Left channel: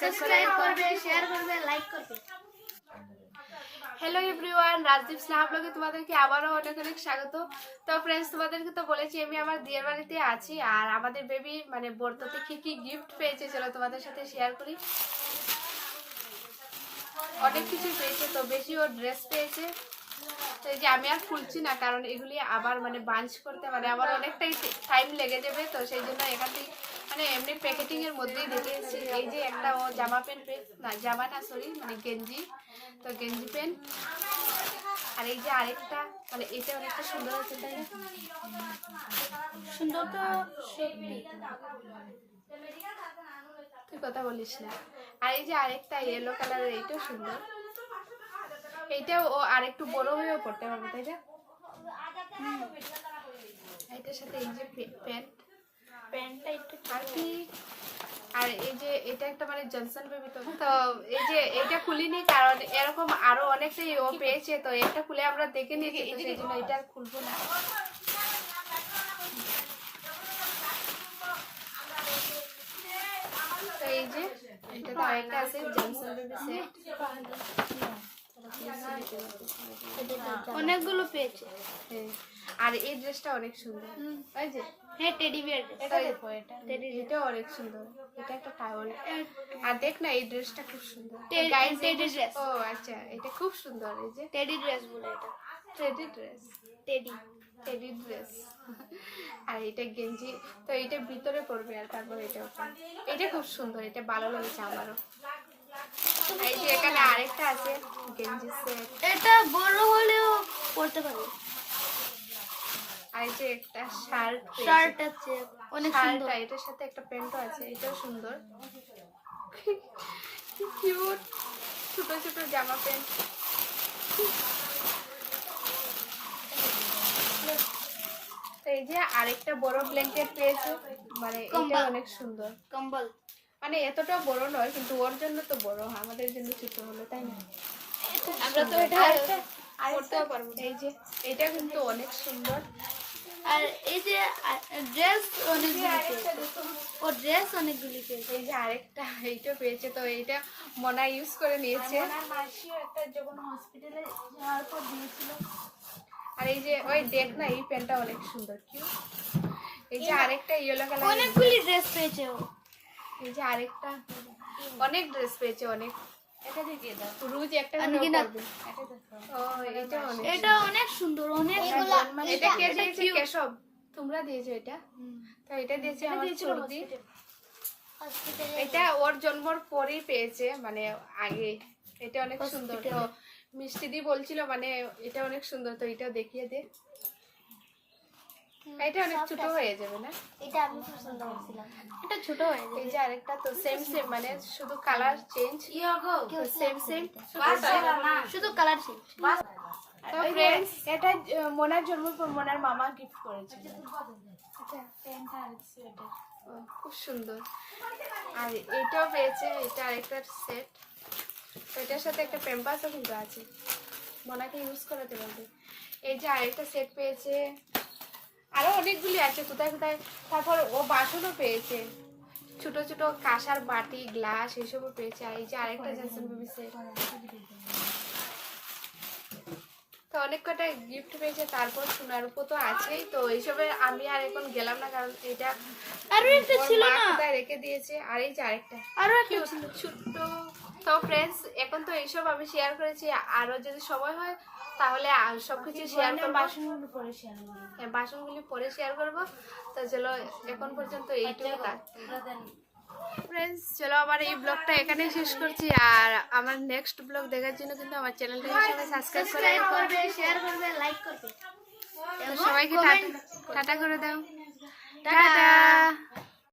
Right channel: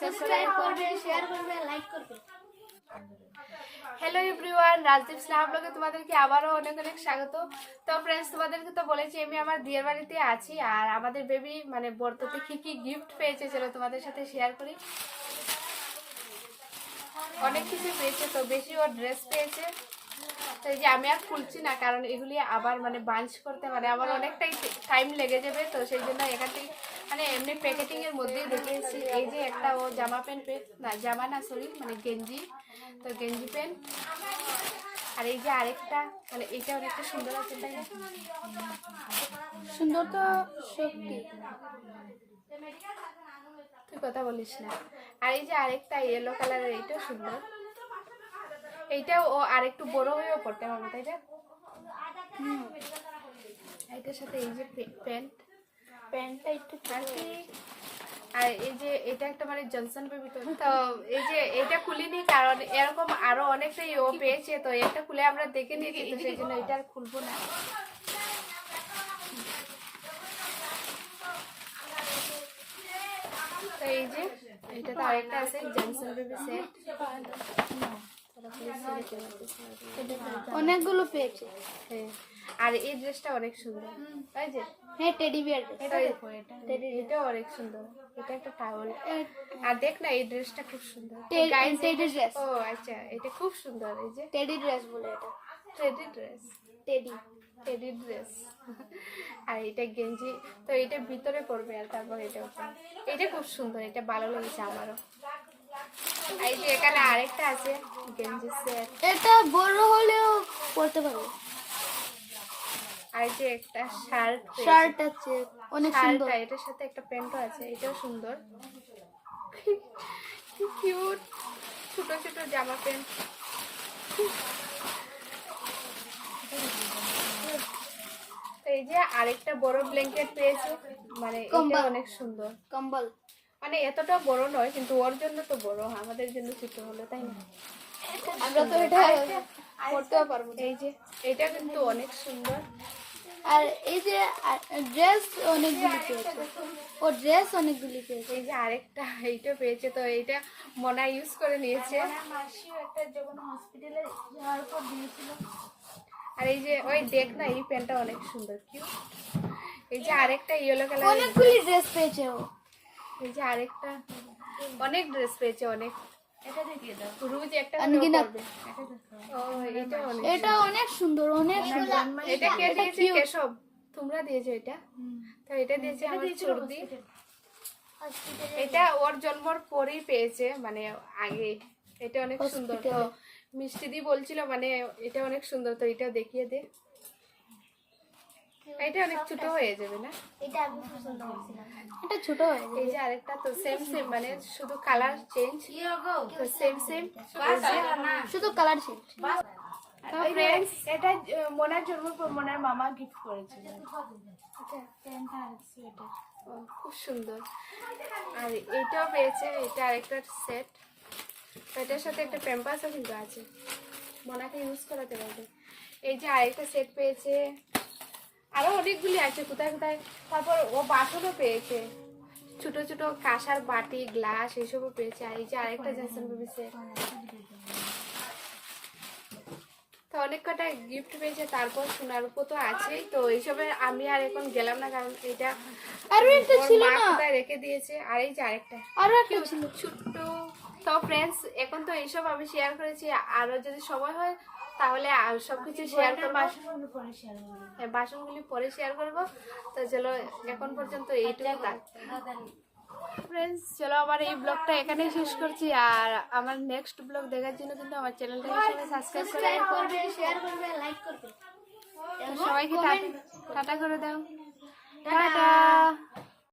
Subscribe করবে, share করবে, like করবে। হ্যালো এভরিওয়ান, রাজদীপ স্নেহা ব্লগে তোমাদেরকে আবারও অনেক অনেক স্বাগত। তো ফ্রেন্ডস, তোমাদেরকে তো বলেছি আমি আমার বিয়ের বাড়িতে আছি, আর আমাদের বেবি মানে বর্ততে কি কি গিফট পেয়েছে চলো তোমাদের সাথে শেয়ার করি। অনেক কিছু পেয়েছে, তো বেশি ও ড্রেস পেয়েছে। তো এই যে আমি আর খুলছি না, কারণ এগুলি আবার মানে বাঞ্চ করতে মানে আমার অনেকটাই টাইম লেগে যাবে, তো সেই জন্য এখান থেকে মানে এমনি প্যাকেটিং এর মধ্যেই দেখেছি। এই যে একটা ও জামা প্যান্ট না জামা না সরি মানে গেঞ্জি, তো গেঞ্জি প্যান্ট। আর এই যে আরেকটা মানে এটা অনেকটা সুন্দর আছে, তাই না? সুন্দর তো সত্যি, তুই কথা বলিস না। আর এই যে আরেকটা ইয়েলো কালারের, এইটাও সুন্দর। এইটাও ও আরেকটু বড় হয়েও পড়তে পারবে, তাই না? এইটার সাথে এই যে প্যান্টটা একটু আর কি, আর এই যে এটা একটা মানে জনসন বেবি। তো এই যে এটা খুলিনি, কারণ এরকম আরো অনেকটাই ও পেয়েছে, তো এটা খুলে আমরা দেখে নিয়েছি, তো সেই জন্য এটা আর খুলবো না। তো এই যে এটা তো আরেকটা আছে জনসন বেবি সেট, অনেকগুলো পেয়েছে। হ্যাঁ, আর এই ড্রেসটা অনেক সুন্দর, তাই যে হ্যাঁ, টেডি বিয়ার এটা অনেক সুন্দর। এটা একটা টাওয়াল, আর দেখ না এই ড্রেসটা খুব সুন্দর। Teddy dress. ও আচ্ছা, এটা খুব সুন্দর। এই যে টেডি ড্রেস বলে এটা, টেডি ড্রেস, টেডি ড্রেস। আর এটা গেঞ্জি, তো এটা ভিতরে পড়বে, আর তারপর এটা উপরে। এটা খুব সুন্দর, এটা ভালো লেগেছে আমারও। এই যে এখানে আরেকটা আছে গেঞ্জি সেট, এটা বড় হলেও পড়তে পারবে। আর এই যে একটা শার্ট আছে অনেক শার্ট, সুন্দর। এটার সাথে একটা প্যান্টও আছে, এটাও সুন্দর। কিউট ছোট ছোট জামা প্যান্ট। এই যে আরেকটা বড় ব্ল্যাঙ্কেট পেয়েছে, মানে এটা অনেক সুন্দর। কম্বল মানে এতটা বড় নয়, কিন্তু ওর জন্য তো বড়, আমাদের জন্য ছোট হলো, তাই না? আমরা তো এটা করতেও পারবো। এই যে এটা কিন্তু অনেক সুন্দর। আর এই যে ড্রেস অনেকগুলি পেয়েছে, ও ড্রেস অনেকগুলি পেয়েছে। এই যে আরেকটা এইটা পেয়েছে, তো এইটা মনা ইউজ করে নিয়েছে। একটা যখন হসপিটালে যাওয়ার পর দিয়েছিল। আর এই যে ওই দেখ না, এই প্যান্টটা অনেক সুন্দর, কিউ। এই যে আরেকটা ইয়েলো কালার, অনেকগুলি ড্রেস পেয়েছে ও। এই যে আরেকটা অনেক ড্রেস পেয়েছে, অনেক। এটা দেখিয়ে দাও, রোজ একটা করবে। ও এটা অনেক, এটা অনেক সুন্দর, অনেক এটা কে দিয়েছে? কেশব, তোমরা দিয়েছো এটা? তো এটা দিয়েছে আমার সর্দি। এটা ওর জন্মর পরেই পেয়েছে, মানে আগে। এটা অনেক সুন্দর। তো মিষ্টি দি বলছিল মানে এটা অনেক সুন্দর, তো এটা দেখিয়ে দে। এটা অনেক ছোট হয়ে যাবে না? এটা আমি পছন্দ করছিলাম, এটা ছোট হয়ে যায়। এই যে আরেকটা, তো সেম সেম মানে শুধু কালার চেঞ্জ, সেম সেম, শুধু কালার চেঞ্জ। তো ফ্রেন্ডস, এটা মোনার জন্মের পর মোনার মামা গিফট করেছিল। খুব সুন্দর। আর এটাও পেয়েছে, এটা আরেকটা সেট, এটার সাথে একটা প্যাম্পাসও কিন্তু আছে, মোনাকে ইউজ করাতে পারবে। এই যে আরেকটা সেট পেয়েছে, আরো অনেকগুলি আছে কোথায় কোথায়। তারপর ও বাসনও পেয়েছে, ছোট ছোট কাঁসার বাটি গ্লাস এইসবও পেয়েছে। আর এই যে আরেকটা জনসন বেবি সেট, তো অনেক কটা গিফট পেয়েছে। তারপর সোনার উপর তো আছেই, তো এইসবে আমি আর এখন গেলাম না, কারণ এটা আরো একটা ছিল না, কোথায় রেখে দিয়েছে। আর এই যে আরেকটা আরো একটা ছিল ছোট্ট। তো ফ্রেন্ডস, এখন তো এইসব আমি শেয়ার করেছি, আরো যদি সময় হয় তাহলে সবকিছু শেয়ার করবো। বাসনগুলি পরে শেয়ার করবো। তো চলো এখন পর্যন্ত এইটুকু কাজ। ফ্রেন্ডস, চলো আমার এই ব্লগটা এখানেই শেষ করছি, আর আমার নেক্সট ব্লগ দেখার জন্য কিন্তু আমার চ্যানেলটাকে সবাই সাবস্ক্রাইব করবে, শেয়ার করবে, লাইক করবে। সবাইকে টাটা করে দাও, টাটা।